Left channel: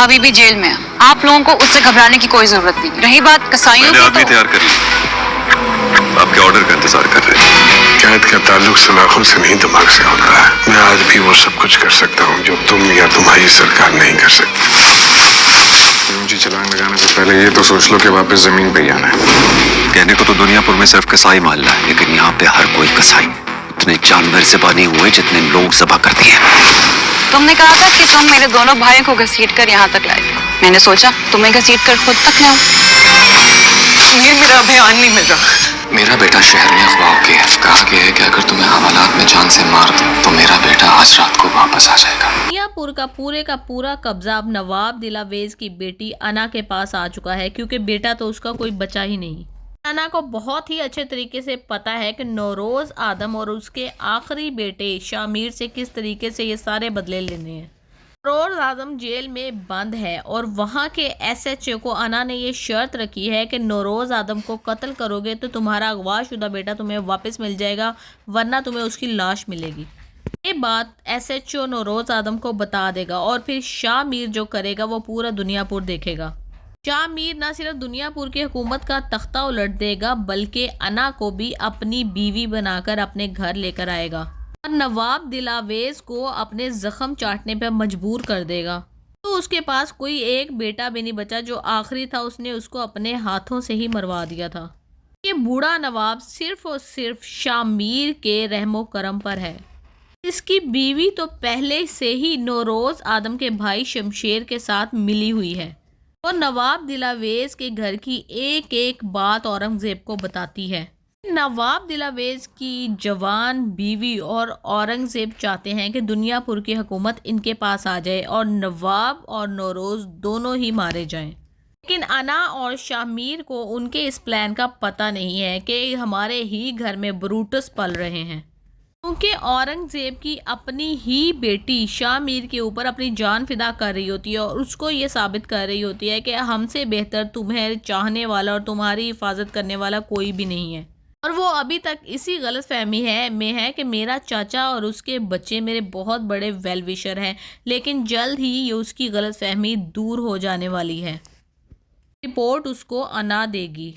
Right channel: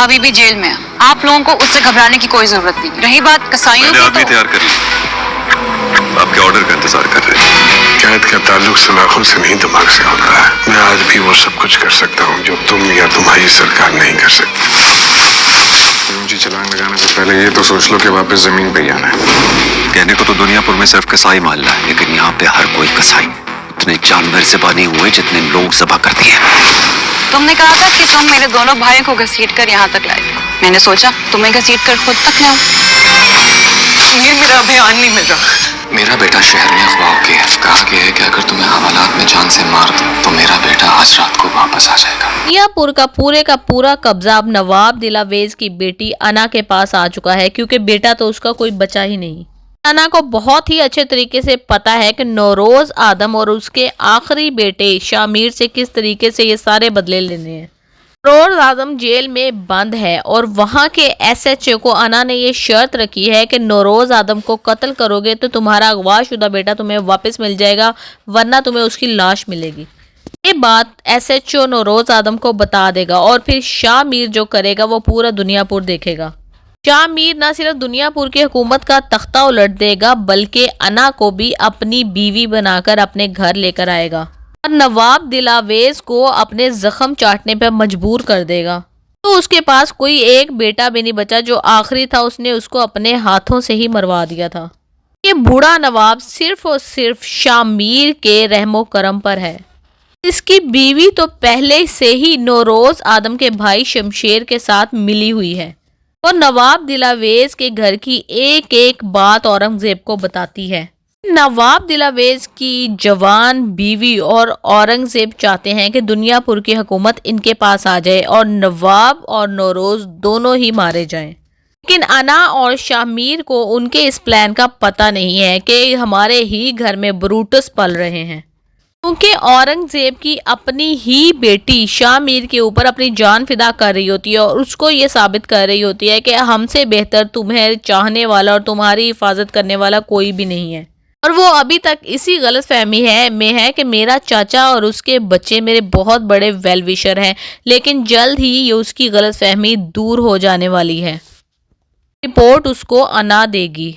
अभी भी जेल में है। आप लोगों को उससे घबराने की कोई जरूरत नहीं। रही बात कसाईयों की, आदमी तैयार कर लिया, आपके ऑर्डर का इंतजार कर रहे हैं। कैद का ताल्लुक सलाखों से नहीं, दिमाग से होता है। मैं आज भी वो सब कुछ कर सकता हूँ जो तुम या तुम्हारी सरकार नहीं कर सकती। ऊंची छलांग लगाने से पहले ये तो सोच लो कि वापस जमीन पे ही आना है। कहने को तो दुनियापुर में सिर्फ कसाई मालना है, लेकिन यहाँ पे हर कोई कसाई। इतने जानवर ज़िबा नहीं हुए जितने लोग ज़िबा करते हैं। तुमने कहा था कि तुम मेरे दोनों भाइयों को घसीट कर यहाँ तक लाए थे। मैंने सोचा तुम्हें घसीट कर खुद तक लाऊं। ये मेरा अभियान नहीं मिल रहा। मेरा बेटा शहर में अगवा हो गया है। कहा गया है कि अगर तुम्हें हवालात में जान से मार दो तो मेरा बेटा आज रात को वापस आ जाएगा। दुनियापुर का पूरा कब्जा अब नवाब दिलावेज की बेटी अना के पास आ चुका है, क्योंकि बेटा तो उसका कोई बचा ही नहीं। अना को बहुत ही अच्छे तरीके से पता है कि नौरोज आदम और उसके आखिरी बेटे शामिर से किस तरीके से ये सारे बदले लेने हैं। नौरोज आदम जेल में बंद है और वहाँ के SHO को अना ने ये शर्त रखी है कि नौरोज आदम को कत्ल करोगे तो तुम्हारा अगवाशुदा बेटा तुम्हें वापस मिल जाएगा, वरना तुम्हें उसकी लाश मिलेगी। ये बात SHO नौरोज आदम को बता देगा और फिर शामिर जो करेगा वो पूरा दुनियापुर देखेगा। शामिर न सिर्फ दुनियापुर की हुकूमत का तख्ता उलट देगा, बल्कि अना को भी अपनी बीवी बनाकर अपने घर लेकर आएगा और नवाब दिलावेज को अपने जख्म चाटने पर मजबूर कर देगा। तो उसके पास कोई एक बेटा भी नहीं बचा, जो आखिरी था उसने उसको अपने हाथों से ही मरवा दिया था। ये बूढ़ा नवाब सिर्फ और सिर्फ शामिर के रहमो करम पर है। इसकी बीवी तो पहले से ही नौरोज आदम के भाई शमशेर के साथ मिली हुई है और नवाब दिलावेज के घर की एक एक बात औरंगजेब को बताती है। नवाब दिलावेज की जवान बीवी और औरंगजेब चाहते हैं कि दुनियापुर की हुकूमत इनके पास आ जाए और नवाब और नौरोज दोनों ही मारे जाएं। लेकिन अना और शामिर को उनके इस प्लान का पता नहीं है कि हमारे ही घर में ब्रूटस पल रहे हैं, क्योंकि औरंगजेब की अपनी ही बेटी शामिर के ऊपर अपनी जान फिदा कर रही होती है और उसको ये साबित कर रही होती है कि हमसे बेहतर तुम्हें चाहने वाला और तुम्हारी हिफाजत करने वाला कोई भी नहीं है। और वो अभी तक इसी गलत फहमी में है कि मेरा चाचा और उसके बच्चे मेरे बहुत बड़े वेल विशर हैं, लेकिन जल्द ही ये उसकी गलत फहमी दूर हो जाने वाली है। रिपोर्ट उसको अना देगी।